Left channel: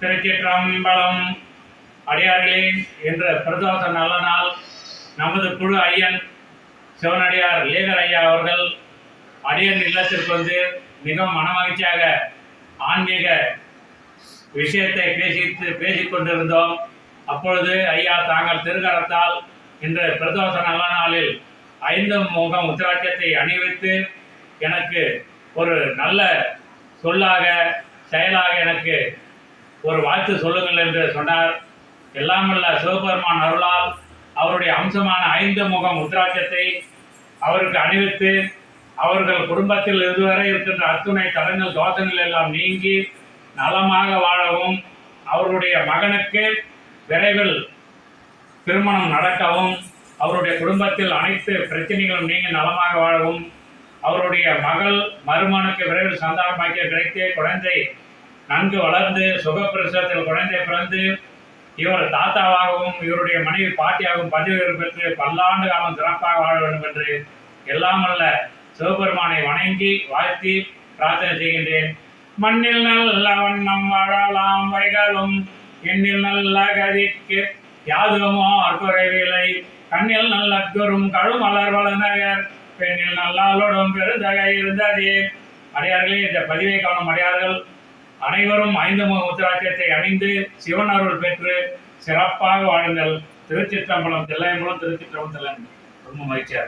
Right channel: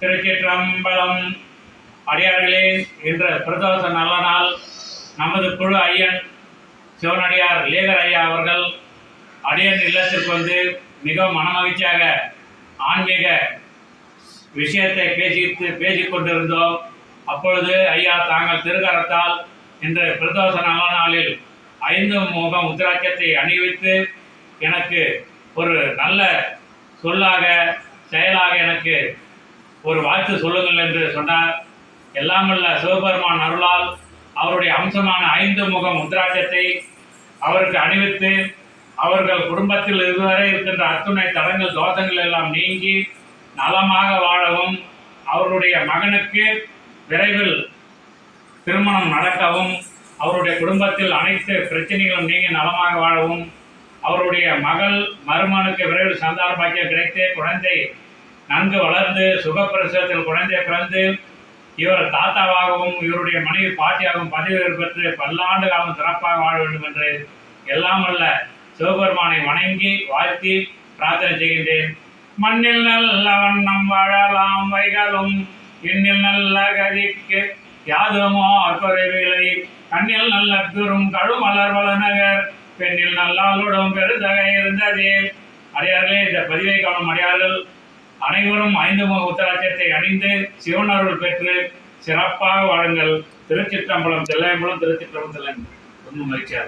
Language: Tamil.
திருச்சிற்றம்பலம். அடியார்களே, இன்று பிரதோஷ நல்ல நாள். நமது குழு ஐயன் சிவனடியார் லேகர் ஐயா அவர்கள் அடியன் இல்லத்திற்கு வந்து மிகவும் மனமகிழ்ச்சியாக ஆன்மீக விஷயத்தை பேசிக் கொண்டிருந்தோம். அப்பொழுது ஐயா தாங்கள் திருக்கரத்தால் இன்று பிரதோஷ நல்ல நாளில் 5 முகம் உத்திராட்சத்தை அணிவித்து எனக்கு ஒரு நல்ல சொல்லாக செயலாக எனக்கு ஒரு வாழ்த்து சொல்லுங்கள் என்று சொன்னார். எல்லாமல்ல சிவபெருமான் அருளால் அவருடைய அம்சமான 5 முகம் உத்திராட்சத்தை அவருக்கு அணிவித்து அவர்கள் குடும்பத்தில் இதுவரை இருக்கின்ற அத்துணை தடங்கள் தோஷங்கள் எல்லாம் நீங்கி நலமாக வாழவும், அவருடைய மகனுக்கு விரைவில் திருமணம் நடக்கவும், அவருடைய குடும்பத்தில் அனைத்து பிரச்சனைகளும் நீங்கி நலமாக வாழவும், அவருடைய மகள் மருமகனுக்கு விரைவில் சந்தான பாக்கியம் கிடைத்து குழந்தை நன்கு வளர்ந்து சுகப்பிரசவத்தில் குழந்தை பிறந்து இவர் தாத்தாவாகவும் இவருடைய மனைவி பாட்டியாகவும் பதவி பெற்று பல்லாண்டு காலம் சிறப்பாக வாழ வேண்டும் என்று எல்லாமல்ல சிவபெருமானை வணங்கி வாழ்த்தி பிரார்த்தனை செய்கின்றேன். மண்ணில் நல்ல வண்ணம் வாழலாம் வைகளும் எண்ணில் நல்ல கதிக்கு யாதுமோ குறைவில்லை, கண்ணில் நல்ல குறும் கழுமலர் வளநகர் பெண்ணில் நல்லாளுடன் பெருந்தகை இருந்ததே. அடியார்களே, இந்த பதிவை காணும் அடியார்கள் அனைவரும் 5 முக உத்திராட்சத்தை அணிந்து சிவன் அருள் பெற்று சிறப்பாக வாழுங்கள். திருச்சிற்றம்பலம். திருச்சிற்றம்பலம். ரொம்ப மகிழ்ச்சியாக